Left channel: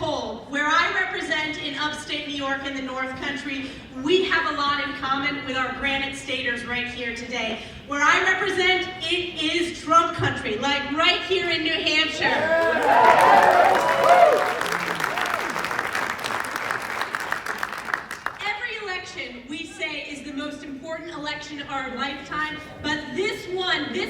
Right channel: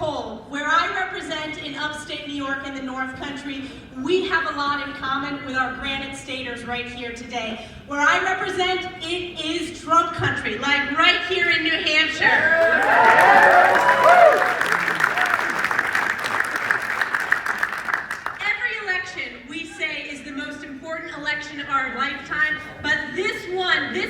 cold. Where I represent in upstate New York and the North Country, we have a lot in common with our Granite Staters right here today. Where I represent, it is Trump country, like right here in New Hampshire. Every election we say is the most important election of our lifetime, but this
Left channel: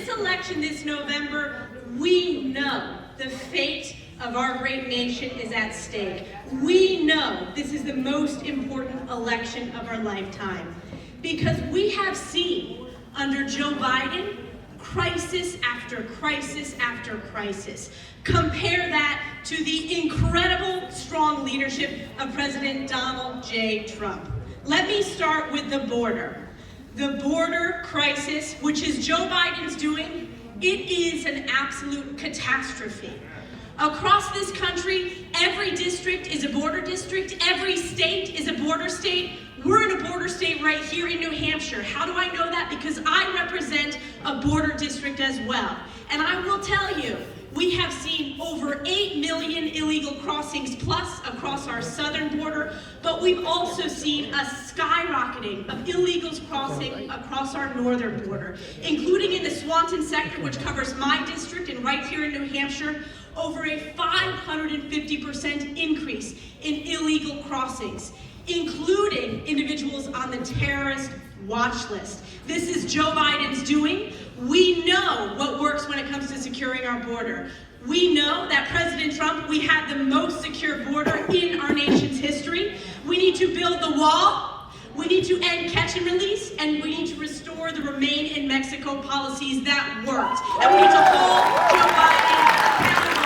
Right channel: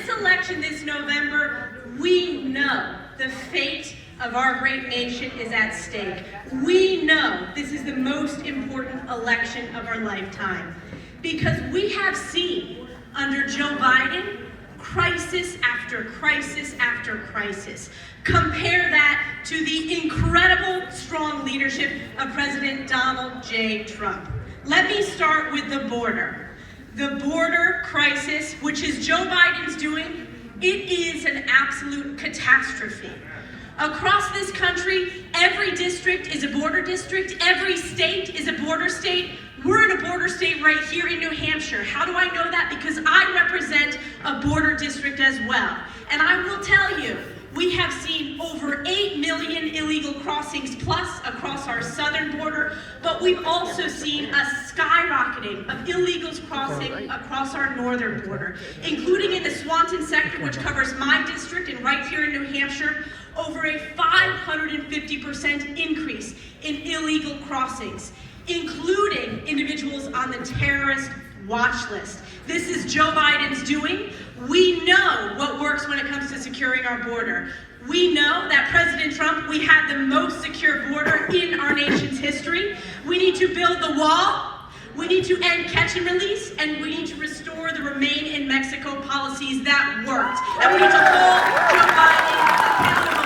election this November, we know the fate of our great nation is at stake. We know this is the most important election of our lifetime because we have seen under Joe Biden crisis after crisis after crisis. Compare that to the incredible strong leadership of President Donald J. Trump. Let me start with the border. The border crisis, which is Joe Biden's doing, it is an absolute catastrophe. Across this country, every district is a border district, every state is a border state. We're in a border state right here in New Hampshire. How do I know that? Because I represent a border district as well. And I will tell you, we have seen over 8 million illegal crossings plus across our southern border, but we've also seen a skyrocketing of illegals crossing across our northern border, including in the Swanton sector, which covers my district and right here in New Hampshire, over a 550% increase in illegal crossings, including individuals on the terrorist watch list. This is Joe Biden's doing. We know what works when it comes to securing our border. We know that President Trump, we had the most secure border in our nation's history. We need to build the wall. We need to end catch and release, and we need to restore the Remain in Mexico policies that worked. And we need to hold Joe Biden accountable.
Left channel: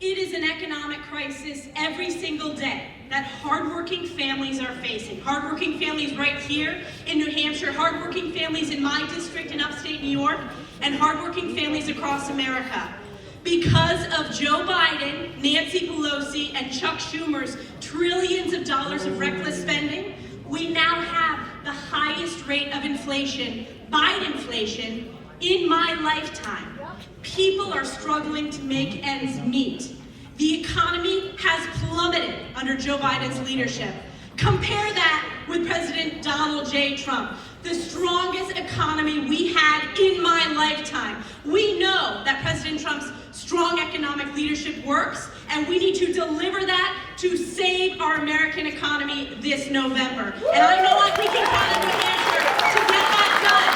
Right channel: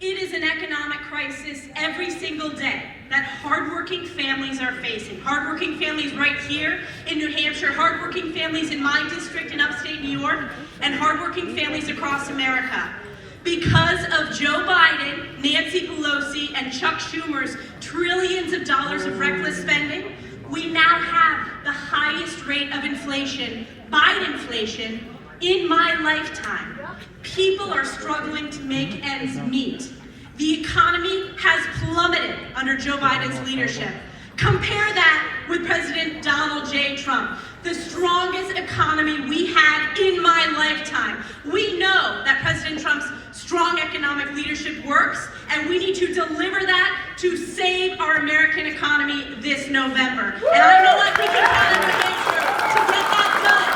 It is an economic crisis every single day that hardworking families are facing. Hardworking families right here in New Hampshire, hardworking families in my district in upstate New York, and hardworking families across America. Because of Joe Biden, Nancy Pelosi, and Chuck Schumer's trillions of dollars of reckless spending, we now have the highest rate of inflation, Bidenflation, in my lifetime. People are struggling to make ends meet. The economy has plummeted under Joe Biden's leadership. Compare that with President Donald J. Trump, the strongest economy we had in my lifetime. We know that President Trump's strong economic leadership works, and we need to deliver that to save our American economy this November. And I know we can count on New Hampshire to get that done.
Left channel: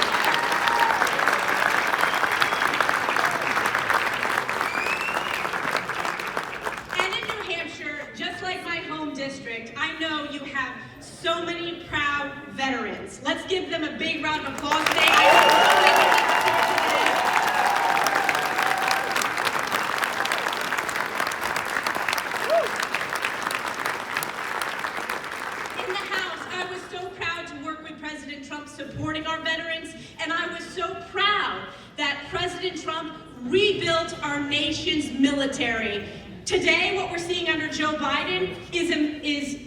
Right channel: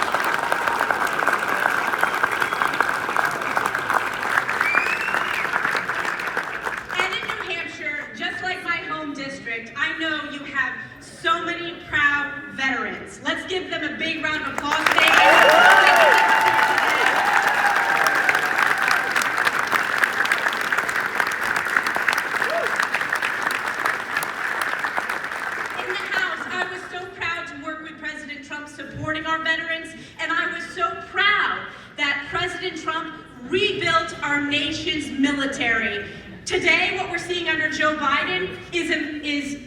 I know you have so many proud veterans. Let's give them a big round of applause today. In the House, I was so proud to work with President Trump supporting our veterans, and I was so proud that President Trump rebuilt our nation's military. Today, what we're seeing under Joe Biden is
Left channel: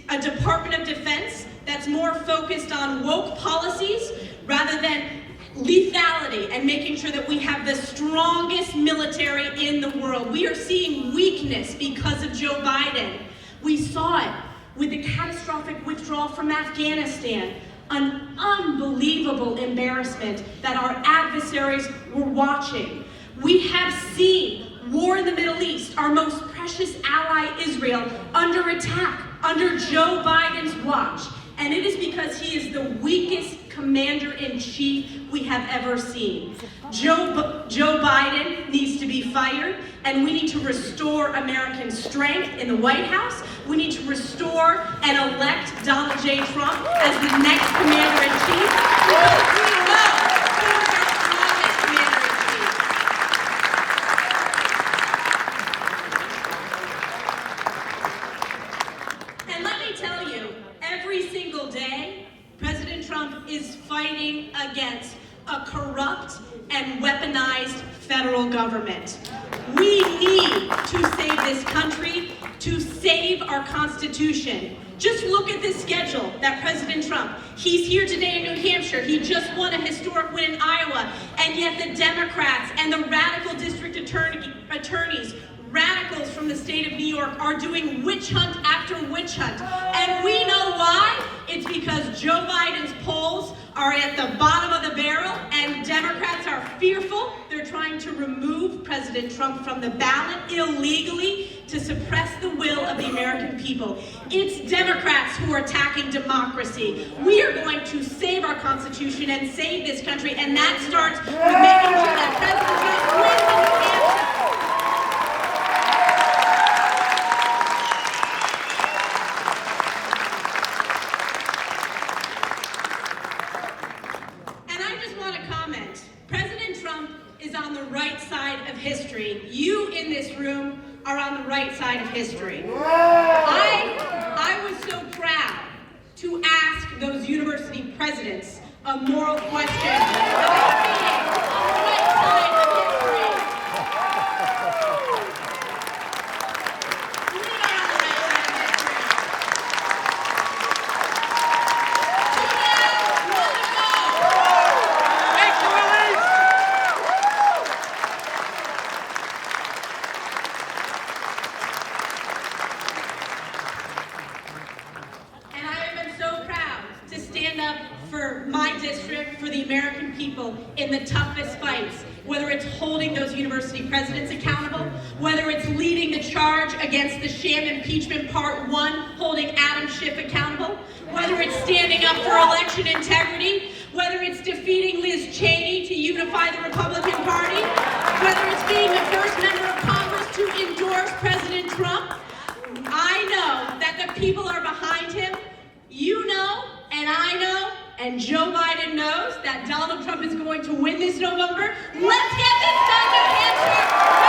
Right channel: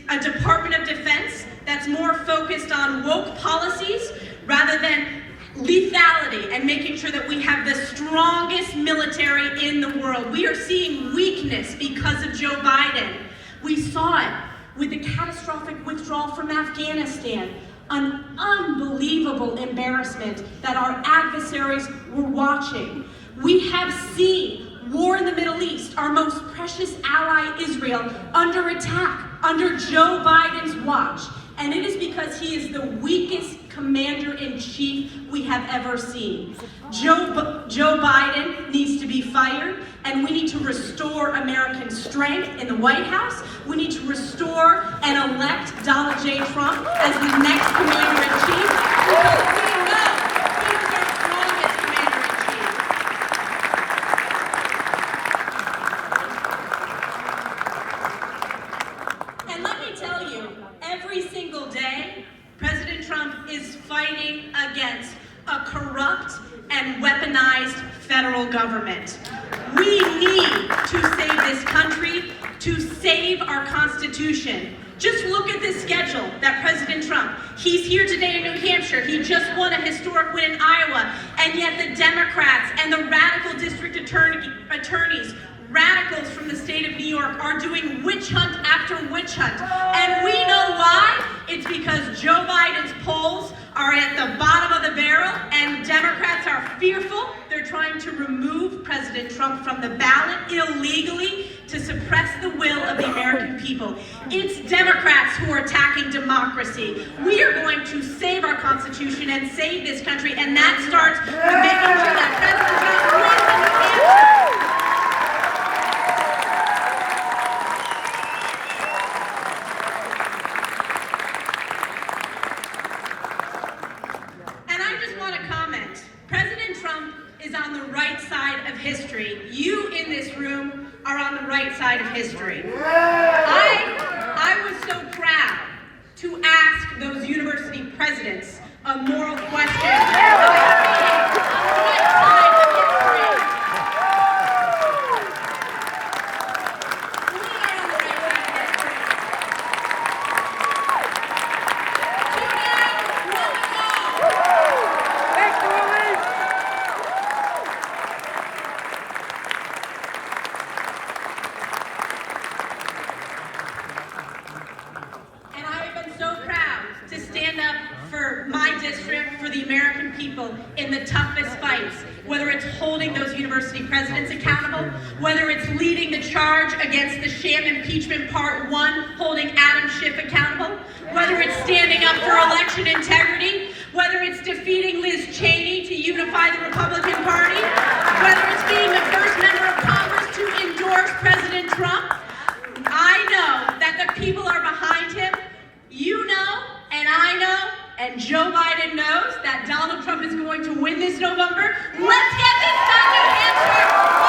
a Department of Defense that's more focused on woke policies rather than lethality and making sure that we have the strongest military in the world. We are seeing weakness because of Joe Biden. We saw it with the catastrophic withdrawal from Afghanistan, an unbelievable embarrassment that our adversaries were watching. We have seen war in the Middle East, our most precious ally, Israel, under attack, under Joe Biden's watch. And it is because he is the weakest commander-in-chief we have ever seen. Joe Biden needs to be fired, and we need to restore American strength in the White House. We need to restore and elect Donald J. Trump as the next commander-in-chief. Because we know he is our strongest commander-in-chief. And let me tell you, every single day, President Trump is fighting against a corrupt and weaponized federal government. We need to save this country, to save our our Constitution. Just look at this schedule that President Trump, he's here today in New Hampshire, he just won a historic win in Iowa, and yet the Democrats and the radical district attorneys, radicals from the state of New York, are doing witch hunt after witch hunt. And we know why. It's because Joe Biden's polls are at the bottom of the barrel, and Democrats are fearful. They're trying to remove President Trump from the ballot illegally to suppress the will of the American people. It's Democrats who are attacking democracy. We are going to save our Constitution and save this country, and that starts with making sure that President Trump wins in New Hampshire. On the right side of history. You in this room are on the right side of history. I was so proud to ask those university presidents a moral question about being on the right side of history. We are on the right side of history. Thanks, Elise! For my district, for the American people in the toughest fights, whether it's holding those university presidents accountable, whether it's leading the charge against the sham impeachment part 1, holding Adam Schiff accountable, whether it's standing up for election integrity, whether it's defeating Liz Cheney to unify the Republican Party, whether it's being the first member of Congress to endorse President Trump. I know that the people are behind him. You know, and I know, and Joe Biden knows that Donald Trump is going to win this November. Let's get this done, New Hampshire!